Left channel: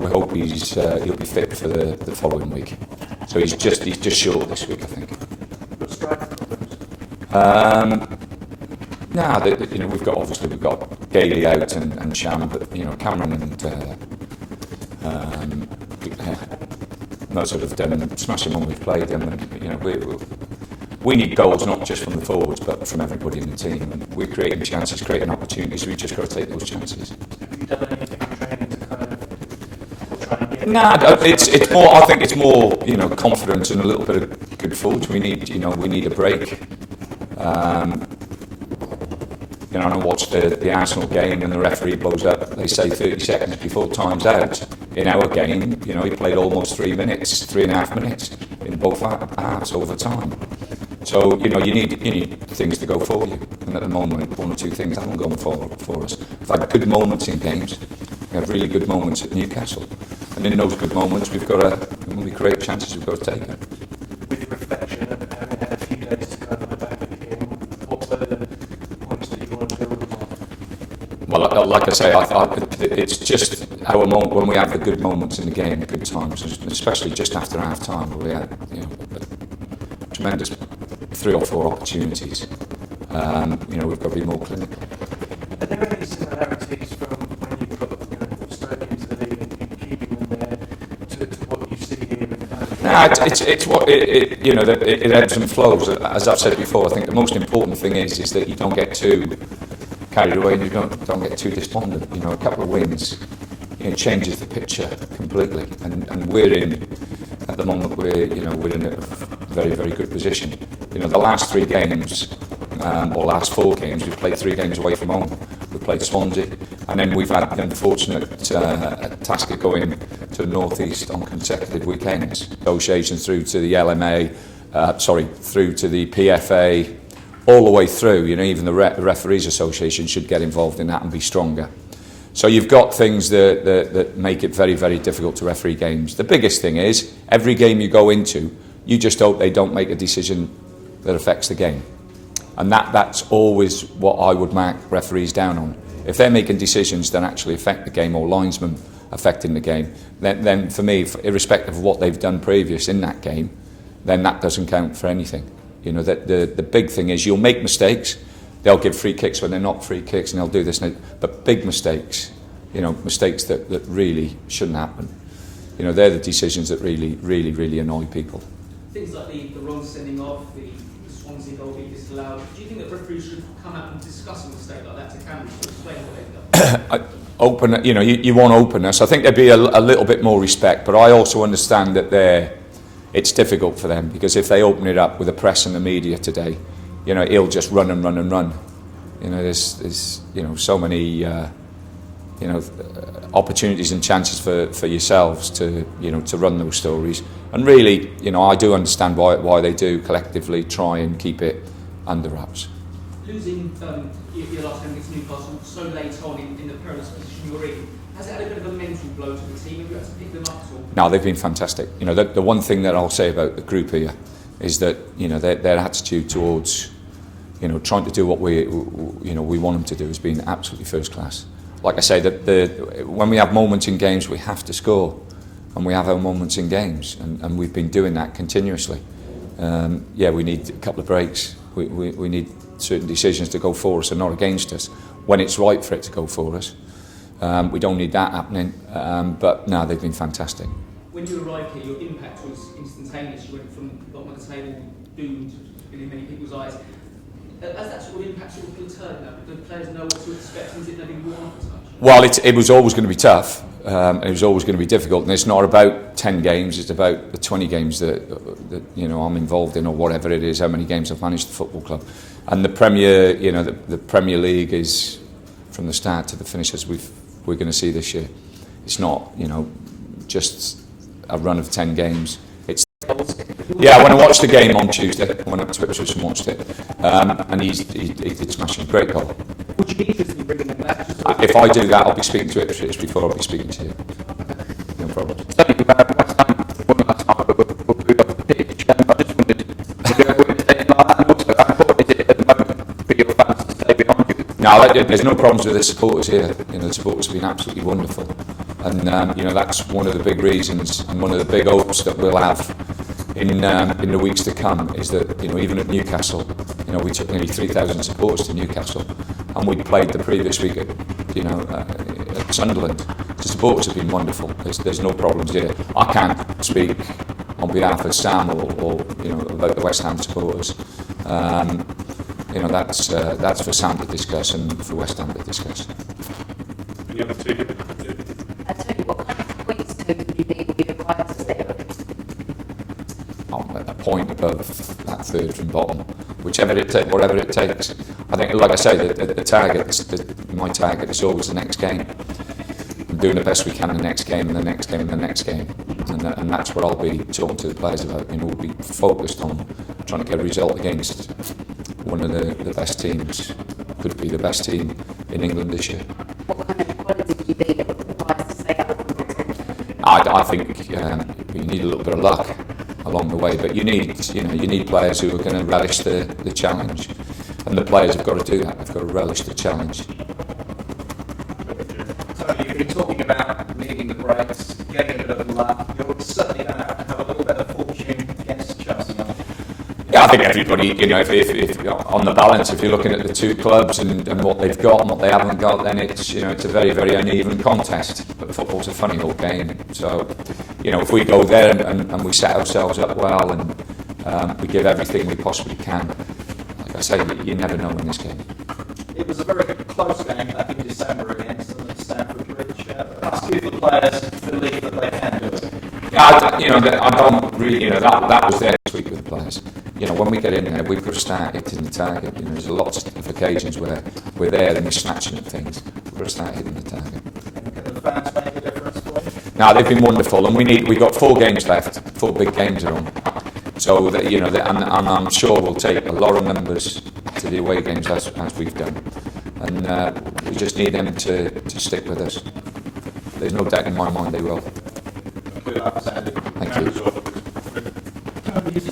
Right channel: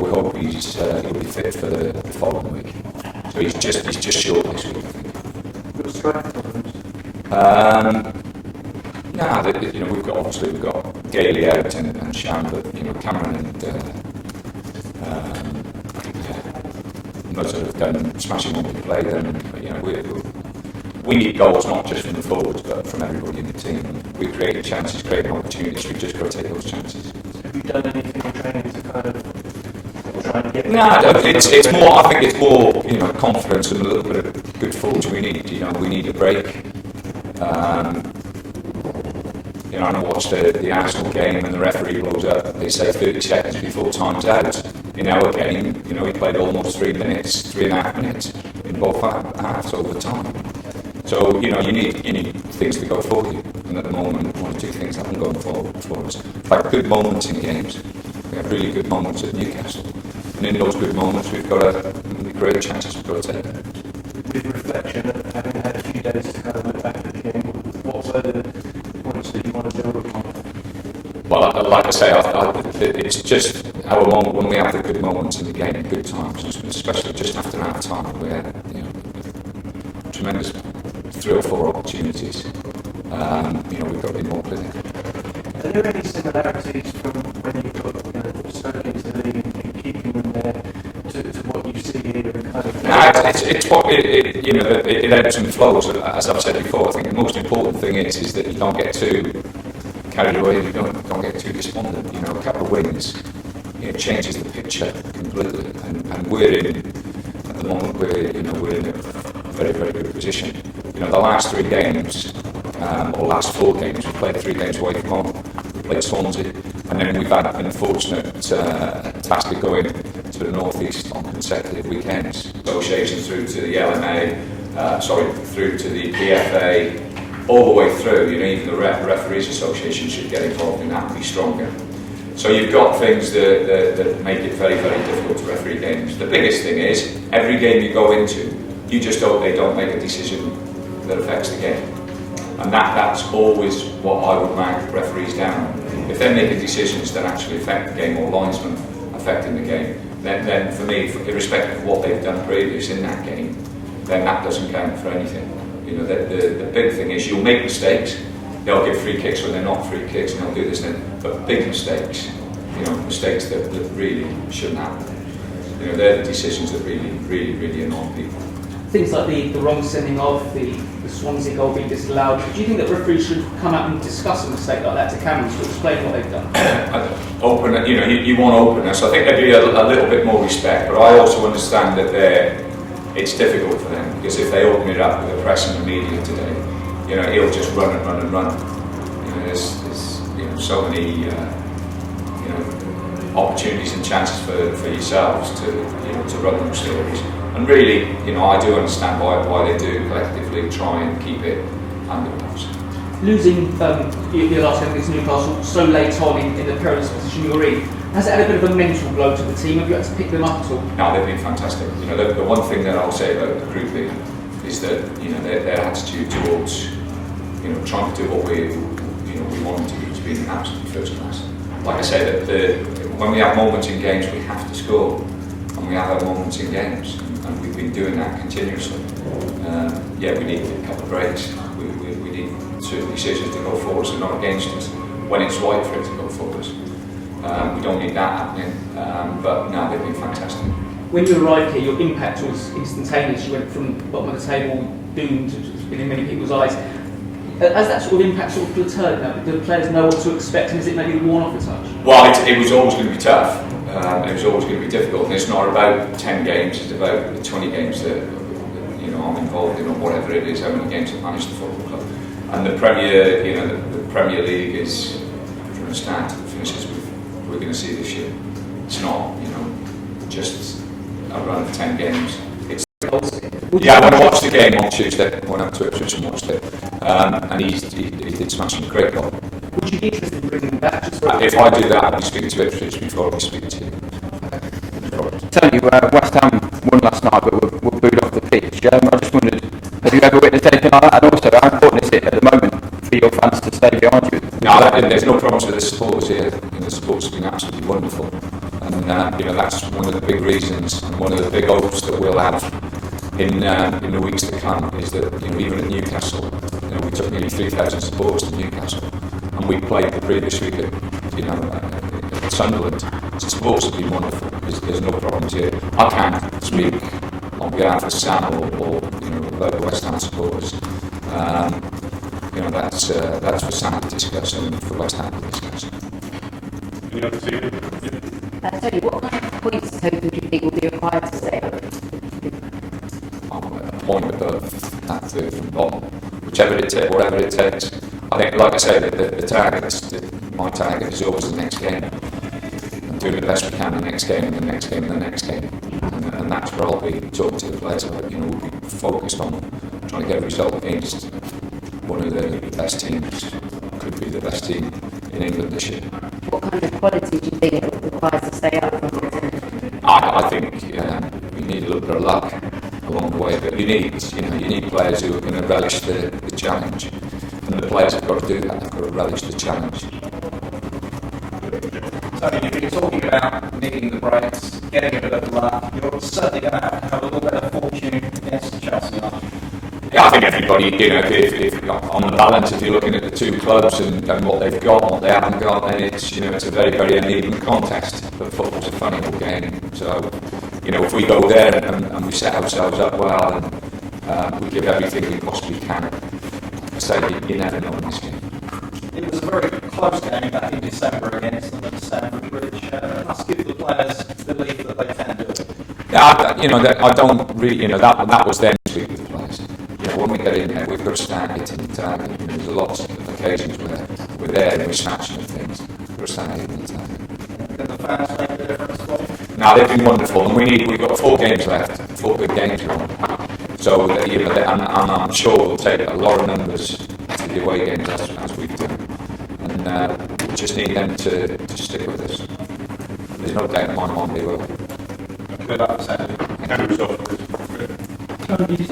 We hope he'll be fit for the following week. So he's just short this week, I think. Got striker problems? We've got Gailey out and Sham, but Cameron and most of them smashing when we play them. We need goals not just from the forwards, but from everybody in the team. We're creating chances, creating opportunities. We've just got to take those chances. Have you done anything in training to kind of try and get? It's more. I think it's more confidence and a little bit of good forwards. We need a break. I watched the Arsenal game and the referee blows up. They say 30 seconds before time's out. In our game, he played almost 3.5 minutes in both halves over time. So you need things to go for you. And at the moment, one or two things haven't gone for us. We've had good moments in games. We have really good moments at Newcastle. And in those good moments, we've got really great chances we've got to take. With reflection, of having had a few days to kind of look back at the game, what were the points that you want to build upon? Well, like I say, it's just when we have the good moments in the game, the good times, especially just after half time, we had tremendous 3 or 4 opportunities. We've got to be more clinical. Are there any similarities from when you've got Stoke into the league and keeping them there to what you see here and kind of? It ebbs and flows. As I've said before, I think the most important thing is that you don't get too carried away and you don't get too despondent. A couple of wins changes the picture completely, and at the moment we're in a very, very good position. The last 3 games or last 4 games, we've played 3 games away from home. We played Swansea, and then we've had the unfortunate task of going to the North East on consecutive weekends. Association through to the LMA, through to the PFA, all the way through. Even the Referees Association should get involved in that and be stronger. So you've got things that make it very, very difficult to referee games. The biggest thing is, every game you go into, you just hope they don't make a decision that affects the game. And that's always what I would mark referees down on. If they're making decisions that actually affect the game, or linesmen affecting the game, then for me, irrespective of what they've done previous in that game, then that doesn't count for anything. The big thing is you'll make mistakes. They'll give free kicks when they're not free kicks, and they'll do this and that. But big mistakes, mistakes that really shouldn't happen. They're the decisions that really, really, really annoy people. Things like the wrong sending off, the Swansea goal being disallowed. Do you think that referees should come out and discuss a mistake like that to cameras to explain what they've done? You want openness. I think there'd be a little bit more respect, but I also understand that it's difficult for them, because if they open it up with the press and the media today, he'll just run and run and run. There's so many opportunities and chances for yourselves to run those stories. And really, I do understand why they do collectively try and keep it under wraps. Losing your last game against Newcastle so late on in the perilous position you're in, has it had a bit of a mental blow to the team? Have you had to pick them up at all? No, they've been fantastic. The one thing that I'll say about the group here is that their attitude towards trying to do what we want them to do has been absolutely first class. Like I say, that when we have moments in games, we have to score. And we have our moments in games, and we've been doing that continuously. We need a couple of breaks. We need certain decisions to go for us and not against us, when it's right for it to go for us. We don't need that happening, but no, they've been fantastic. When you arrived here, your impact was instantaneous. You went from the bottom of the table, doomed, in many people's eyes. Has that sort of impact sort of plateaued now? Do the players know what to expect, and is it maybe worn off a touch? Well, it was always going to be tough. It was always going to be difficult, and it's not about 10 games, it's about the 20 games that I'm involved in, or whatever it is, how many games I've managed the football club. And the Premier, the Premier League is, from the start to the finishes, we're going to see this year. It's not, just a run of 10 games. It's when I watched the game on Tuesday, I went up to Ipswich and watched it, and he did smash him, great goal. Would you be interested in bringing him back? If I do that, I'll be speaking to Ipswich before I'll be speaking to you. Okay. No problem. Tony, West Ham won last night, but were booed off the pitch. I just wondered, have you ever witnessed anything like that? And also, how important is it at the moment for your fans to stay behind you? No, there's no problems with the supporters here. The supporters have been absolutely wonderful. And you know, that's one of the big reasons and one of the big hopes that we'll have in the weeks to come, is that, you know, even at Newcastle, you know, we took nearly 3,000 supporters to Newcastle, and we played the previous week at, you know, at Sunderland. So supporters have been wonderful. There's no problems here. I can't speak on behalf of Sam or you know, about the West Ham supporters. You know, that's for Sam to discuss and for West Ham to discuss. Any other team? Tony, what kind of points total do you think will be required to stay up? A point above that third from bottom, whatever it takes. I think, like I say, the target, my target is always the next game. And doing the best we can the next game and the next game and the next game. And that's what I'll be talking to the players about. You know, we'll be focused on trying to get a result against one of the best teams, could be the best team in England this year. What kind of quality do you think it requires to stay up from your team? I think you need a little bit of luck along the way, but you need players who are going to relish the challenge, and the players have got to do that. They've got to relish the challenge. Tony, you've been talking about needing the breaks, getting a bit of luck. You're certainly going to have a little bit of fortune against Chelsea, aren't you? Yeah, I think everybody, you know, if on the balance, if you're looking at the two clubs and what they've got and what they haven't got, then it's, you know, it's a very, very uneven contest. But football's a funny old game. So, you know, if we go there and we set ourselves up well and we give everything we possibly can, like I say, you never know in this game. It was a very close game back in December against them at Stamford Bridge. It must give the players belief that they can do it. Yeah, you know, I don't really, you know, that was then this week with the players. You know, when we get in there, we've got to start hitting the target. You know, there's lots of occasions where we're there and we're snatching at things. We've got to start hitting the target. Can the fans make the difference for you? No, they've been wonderful, and we've got 4 games left, 4 big games on. So, you know, and I'm sure we'll take a lot of numbers to the away games as we've done. And we just need them to stick with us. There's no doubt in my mind they will. Good luck for Saturday. Thank Camera you. yourself, please. Tony,